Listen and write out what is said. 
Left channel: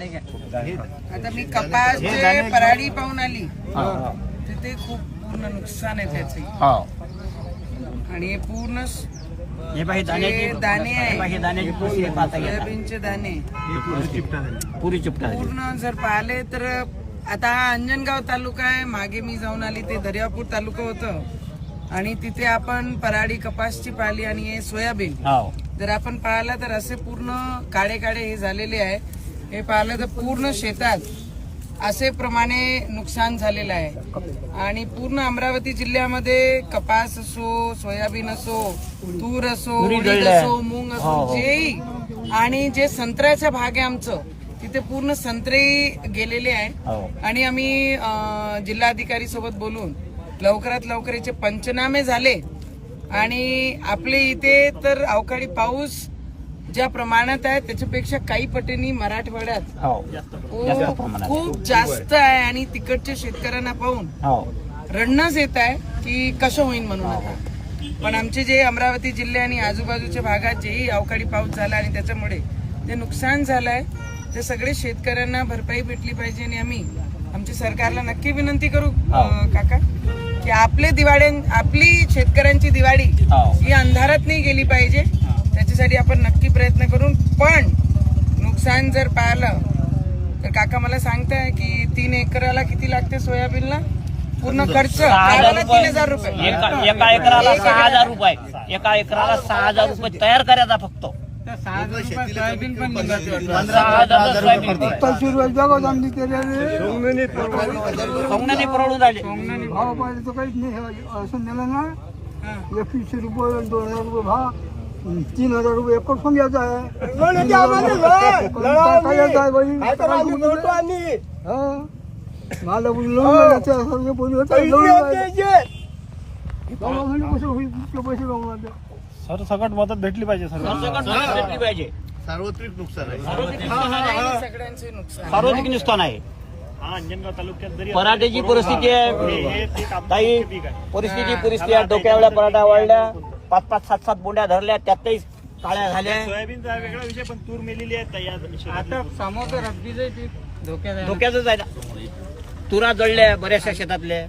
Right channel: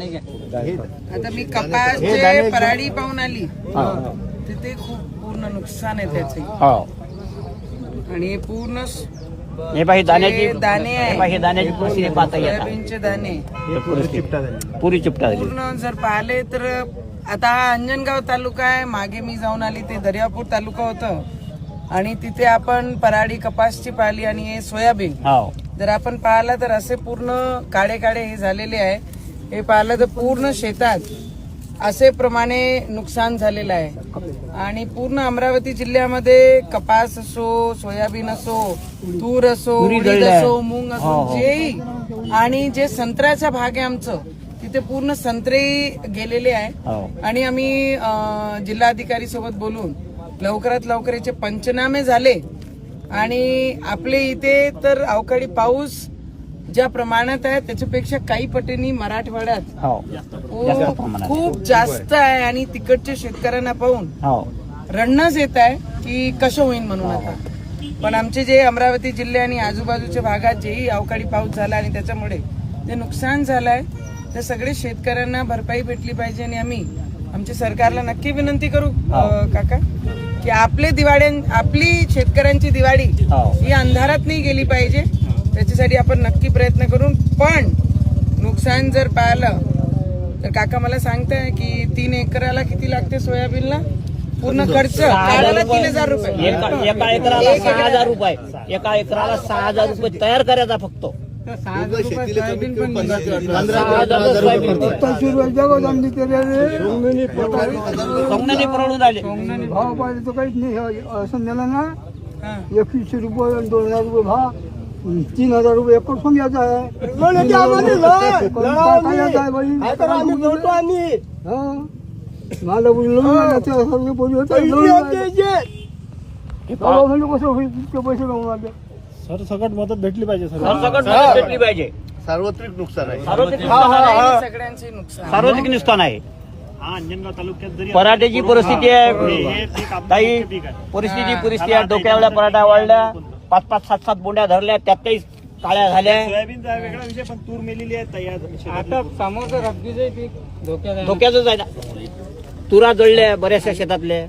आता मी कपासचे पराडी पाहून आली तिथे खूप पूर्ण नुकसान आहे त्याचे आणि हे पूर्ण दाणे सोयाबीनचे दाणे पुरी चिपटा पूर्ण जर पाहिले तर आता हा अंजनगाव तालुका आहे. मागे मी जाऊन आली ते दर्यापूर तालुका होतं आणि तिथे आपण पराडी कपासची पाहिली आणि हे सोयाबीन जर आपण पाहिलं तर असे पूर्ण काळे काळे हे झालेले आहे. हे पाहिलं तर पूर्ण शेतात असे प्रमाणे नुकसान झालेलं आहे आणि पूर्ण अमरावती जिल्ह्यामध्ये कपास असो, सोयाबीन असो, तूर असो, उडीद असो, मूग असो, जेही आणि जे संत्र्याचा भाग आहे आमचं तिथे पूर्ण संत्रे गेलेले आहे आणि आम्ही जिल्हाधिकारी सोबत बोलून लवकरात लवकर याचे पंचनामे झाले आणि आपले इथे तर अवकाळी पाऊस ज्या प्रमाणात आहे त्याच्यापेक्षा काही पटींनी मराठवाड्यात खूप जास्त आहे आणि तिकडच्या शेतकऱ्यांना पाहून रडणंच येत आहे की कसं होईल म्हणून आता. पण आमचे जे अमरावती जिल्हे आणि आजूबाजूच्या भागात जेही अवकाळी पाऊस झाला आणि त्याच्यामुळे जे नुकसान झालंय ते सगळे शेतकऱ्यांना भरपाई भेटली पाहिजे आणि आम्ही आमच्या सरकारला नक्की विनंती करू काका की आपली शेतकऱ्यांची दिवाळी ही अंधारात नाही गेली पाहिजे. त्याच्यासाठी आपण नक्की प्रयत्न करून पण नुकसान जर पाहिलं तर काका मला सांगताय की 3 एकराला किती लागते सोयाबीनला पूर्ण खर्च 3,000 रुपये एका एकराला 6,000 रुपये एका एकराला 6,000 रुपये तयार करायचा फक्त 6,000 रुपये सोयाबीन पण 15,000 सोयाबीन सोंगणाने परवडून राहिले भाव पाहिजे तर काहीच नाही असं नेलं ना 2100 रुपये 2,000 रुपये भाव 3,000 रुपये एकर समजायचा आहे मला कसं होईल पैसे सरसकट मदत भेटली पाहिजे. भेटली पाहिजे. सार्वत्रिक नुकसान आहे. सगळ्यांचे नुकसान सार्वत्रिक नुकसान आहे. अंजनगाव तालुक्यात जरी पराठ्याची परिस्थिती आहे काही परिस्थिती आहे. डोक्यावल्या पराठा वाढल्या 5-5, 7-7 बोंड्या धरल्या त्यातही काळ्या झाल्या. सोयाबीनचा वेगळा विषय पण तूर मेलेली आहे तयार. आता समोर रब्बीचं पीक धोक्यात धोक्यातच आहे. तुरा जळल्या बऱ्याचशा शेतातल्या